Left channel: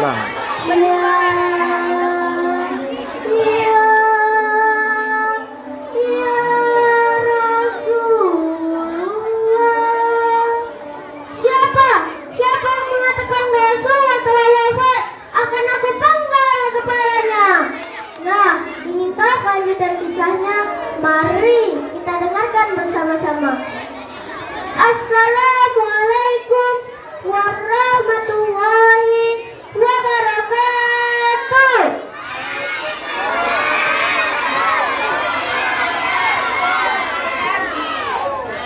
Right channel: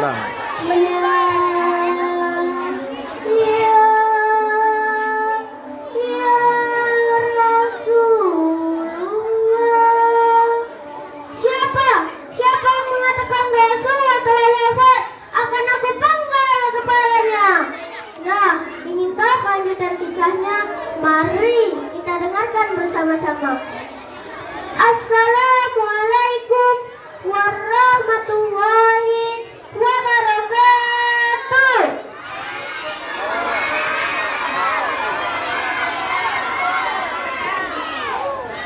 Lang. Dan kisahnya, mari kita dengarkan bersama-sama. Assalamualaikum warahmatullahi wabarakatuh.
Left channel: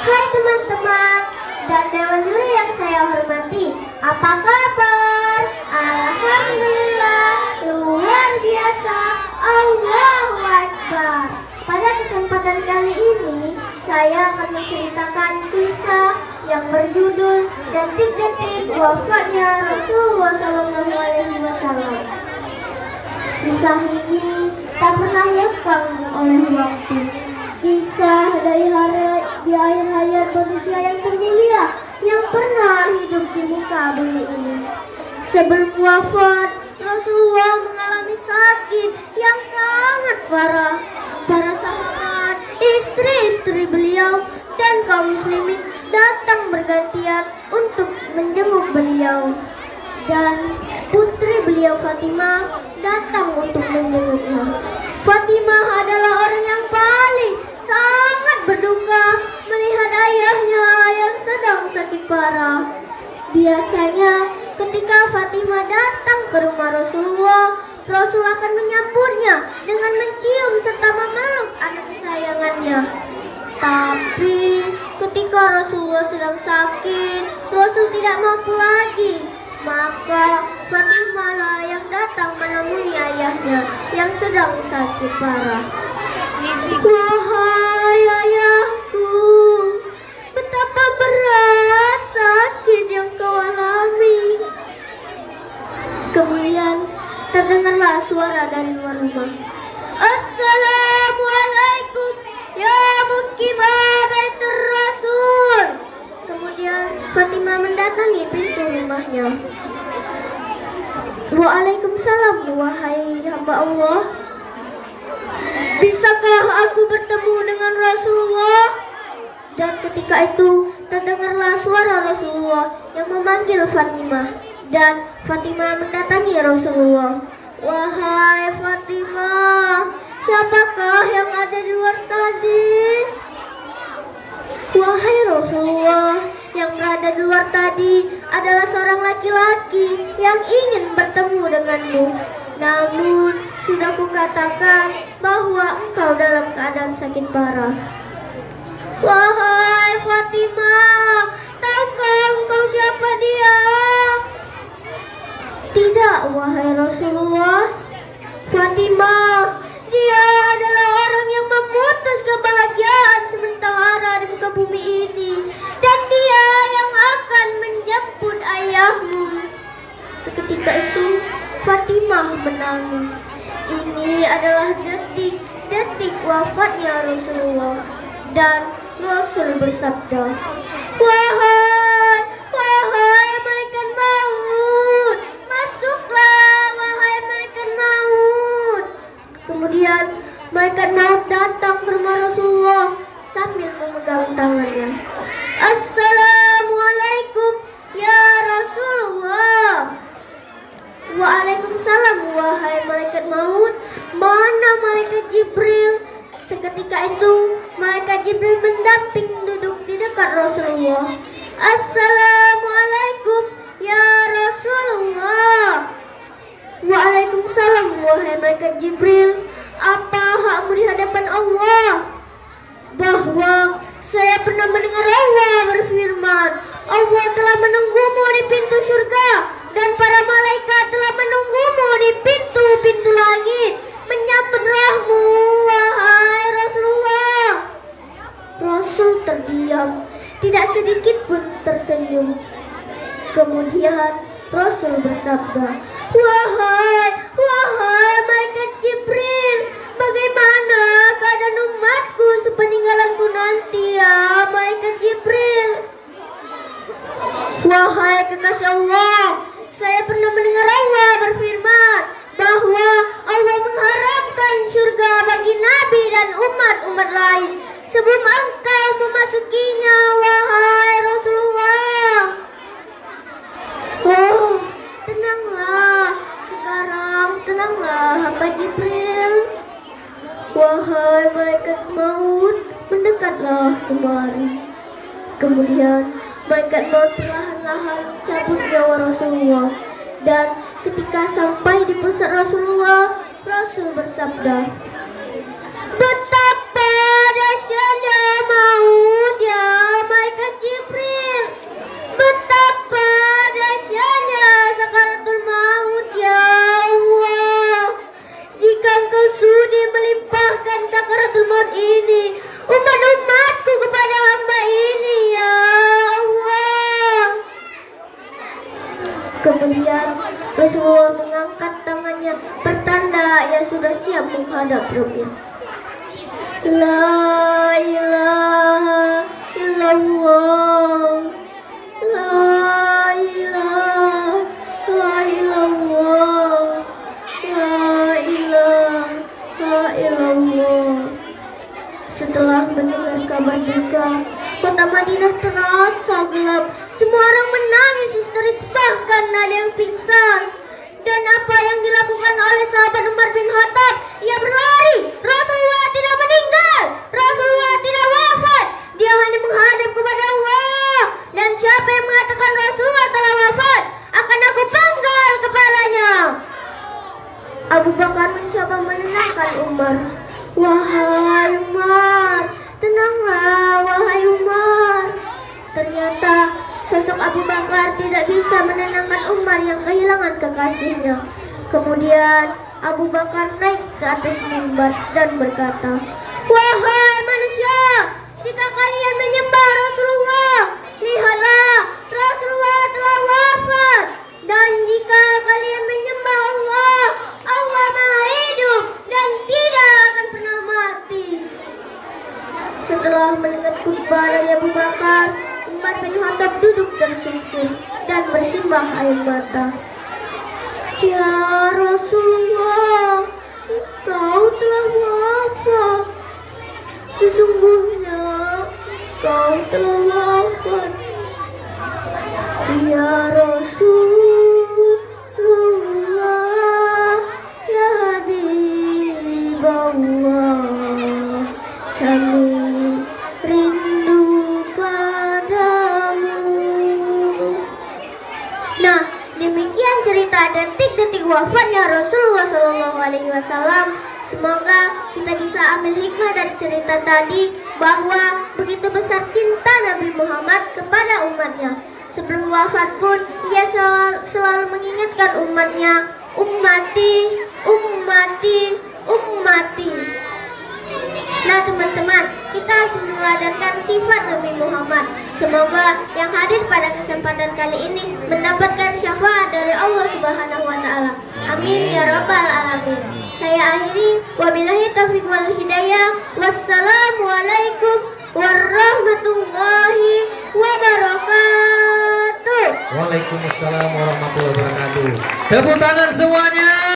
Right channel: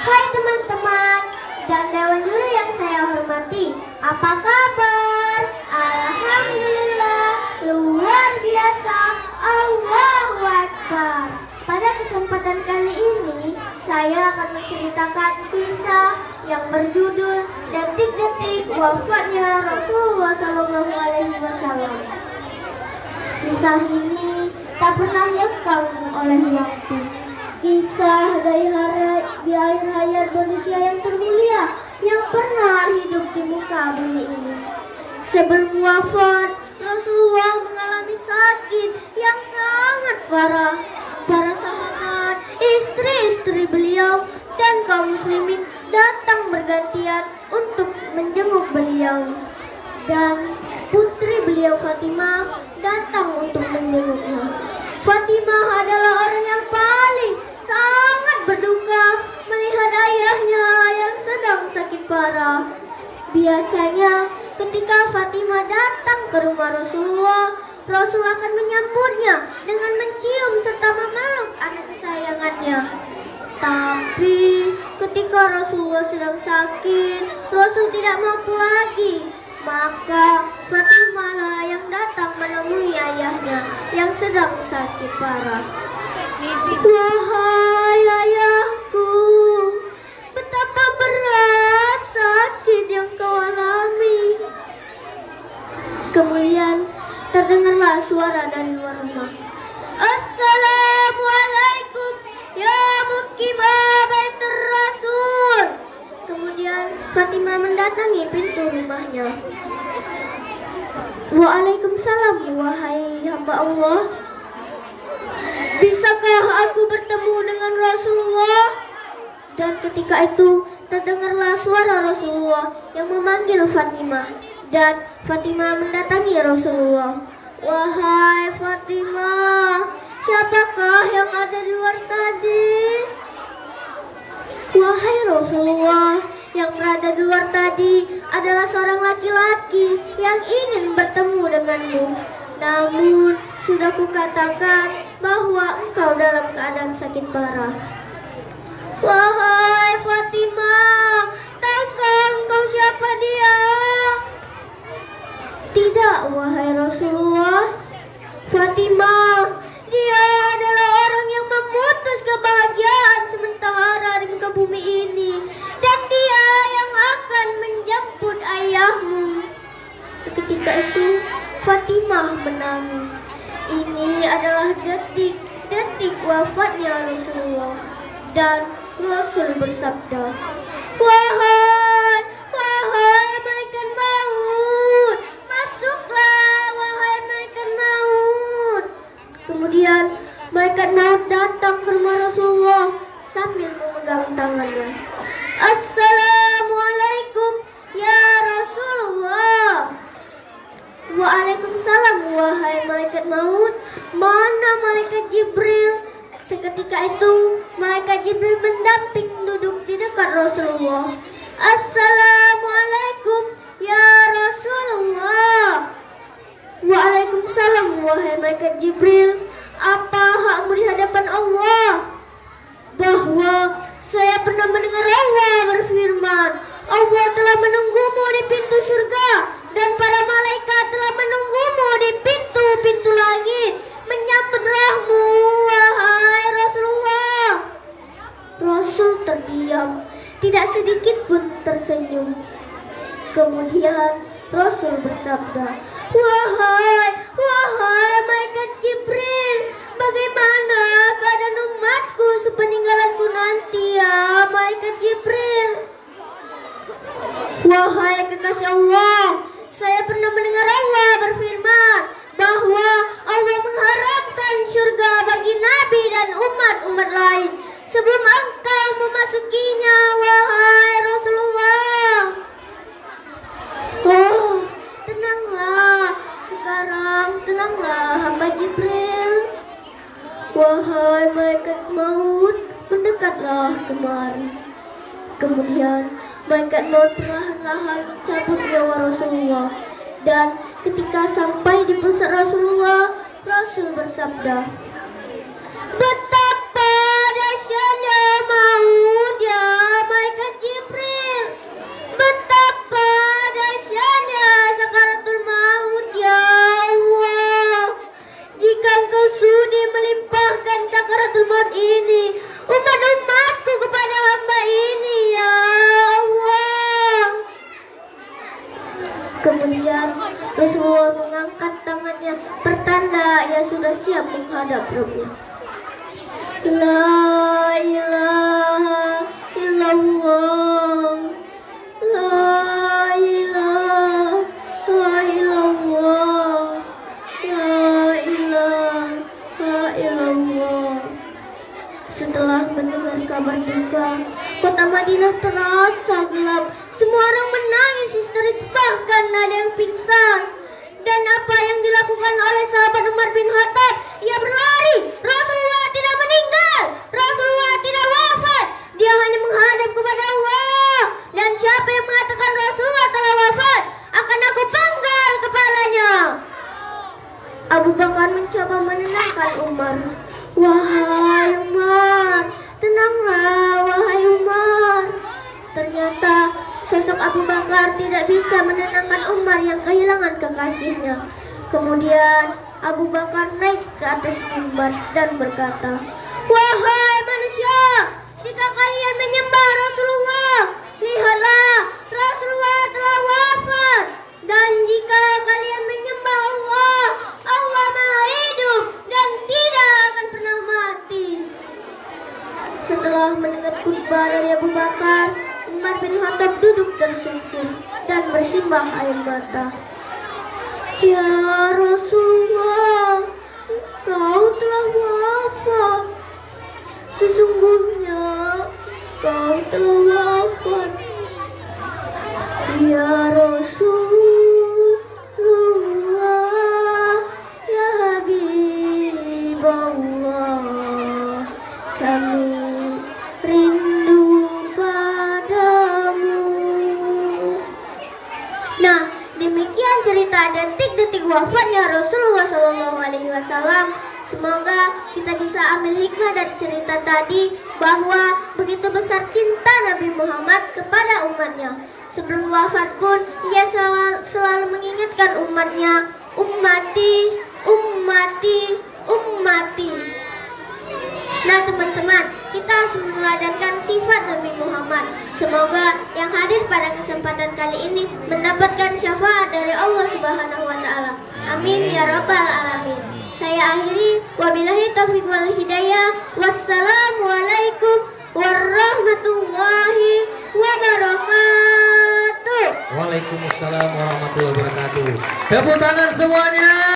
Hai teman-teman dan dewan juri yang saya hormati, apa kabar? Alhamdulillah, luar biasa. Allahu Akbar. Pada kesempatan kali ini saya akan menceritakan kisah yang berjudul Detik-detik wafatnya Rasulullah SAW. Kisah ini tak pernah lekang oleh waktu. Kisah dari akhir hayat manusia yang termulia yang pernah hidup di muka bumi ini. Sebelum wafat, Rasulullah mengalami sakit yang sangat parah. Para sahabat, istri-istri beliau, dan kaum muslimin datang bergantian untuk menjenguk beliau. Dan putri beliau Fatimah datang untuk menjenguknya. Fatimah adalah orang yang paling sangat berduka melihat ayahnya yang sedang sakit parah. Biasanya ketika Fatimah datang ke rumah Rasulullah, Rasul akan menyambutnya dengan mencium serta memeluk anak kesayangannya. Tapi ketika Rasulullah sedang sakit, Rasul tidak mampu lagi. Maka Fatimah lah yang datang menemui ayahnya yang sedang sakit parah. Wahai ayahku, betapa berat sakit yang kau alami. Kemudian terdengarlah suara dari luar rumah. Assalamualaikum ya mukimah baitur Rasul. Kemudian Fatimah mendatangi pintu rumahnya. Waalaikumsalam wahai hamba Allah. Bisakah aku bertemu dengan Rasulullah? Dan ketika itu terdengarlah suara Rasulullah yang memanggil Fatimah. Dan Fatimah mendatangi Rasulullah. Wahai Fatimah, siapakah yang ada di luar tadi? Wahai Rasulullah, yang berada di luar tadi adalah seorang laki-laki yang ingin bertemu denganmu. Namun sudah kukatakan bahwa engkau dalam keadaan sakit parah. Wahai Fatimah, tahukah engkau siapa dia? Tidak, wahai Rasulullah. Fatimah, dia adalah orang yang memutus kebahagiaan sementara di muka bumi ini, dan dia yang akan menjemput ayahmu. Seketika itu Fatimah menangis. Ini adalah detik-detik wafatnya Rasulullah. Dan Rasul bersabda, Wahai malaikat maut, masuklah wahai malaikat maut. Kemudian malaikat maut datang ke rumah Rasulullah sambil memegang tangannya. Assalamualaikum ya Rasulullah. Waalaikumsalam wahai malaikat maut. Mana malaikat Jibril? Seketika itu malaikat Jibril mendamping duduk di dekat Rasulullah. Assalamualaikum ya Rasulullah. Waalaikumsalam wahai malaikat Jibril. Apa hakmu di hadapan Allah? Bahwa saya pernah mendengar Allah berfirman, Allah telah menunggumu di pintu surga, dan para malaikat telah menunggumu di pintu-pintu langit menyambut rahmu, wahai Rasulullah. Rasul terdiam, tidak sedikit pun tersenyum. Kemudian Rasul bersabda, Wahai malaikat Jibril, bagaimana keadaan umatku sepeninggalanku nanti ya malaikat Jibril? Wahai kekasih Allah, saya pernah mendengar Allah Jibril, wahai malaikat maut, mendekatlah kemari. Kemudian malaikat maut perlahan-lahan cabut nyawa Rasulullah. Dan ketika sampai di pusat Rasulullah, Rasul bersabda, betapa dahsyatnya maut ya malaikat Jibril, betapa dahsyatnya sakaratul maut ya Allah. Jika engkau sudi melimpahkan sakaratul maut ini umat-umatku kepada hamba ini ya Allah. Kemudian Rasulullah mengangkat tangannya pertanda ia sudah siap menghadap Rabbnya. La ilaha illallah, la ilaha illallah, la ilaha illallah. Setelah mendengar kabar duka, kota Madinah terasa gelap. Semua orang menangis histeris, bahkan ada yang pingsan. Dan apa yang dilakukan oleh sahabat Umar bin Khattab? Ia berlari. Rasulullah tidak meninggal, Rasulullah tidak wafat. Dia hanya menghadap kepada Allah. Dan siapa yang mengatakan Rasulullah telah wafat, akan aku penggal kepalanya. Abu Bakar mencoba menenangkan Umar. Wahai Umar, tenanglah wahai Umar. Ternyata sosok Abu Bakar tidak bisa menenangkan Umar yang kehilangan kekasihnya. Kemudian Abu Bakar naik ke atas mimbar dan berkata, wahai manusia, jika kalian menyembah Rasulullah, lihatlah Rasulullah telah wafat. Dan jika kalian menyembah Allah, Allah Maha Hidup dan tidak akan pernah mati. Setelah mendengar khutbah dari Abu Bakar, Umar bin Khattab duduk tersungkur dan bersimbah air mata. Ya Rasulullah, engkau telah wafat. Sesungguhnya engkau telah wafat. Ya Rasulullah, ya Habibullah, kami rindu padamu. Nah, demikian cerita detik-detik wafatnya Rasulullah SAW. Semoga kita bisa ambil hikmah dari cerita tadi bahwa begitu besar cinta Nabi Muhammad kepada umatnya. Sebelum wafat pun ia selalu mengingatkan umatnya, ummati, ummati, ummati. Nah teman-teman, kita harus meladarkan sifat Nabi Muhammad. Semoga yang hadir pada kesempatan kali ini mendapatkan syafaat dari Allah Subhanahu wa Ta'ala. Amin ya Rabbal Alamin. Saya akhiri, wabillahi taufiq wal hidayah. Wassalamualaikum warahmatullahi wabarakatuh. Waalaikumsalam warahmatullahi wabarakatuh. Tepuk tangan semuanya.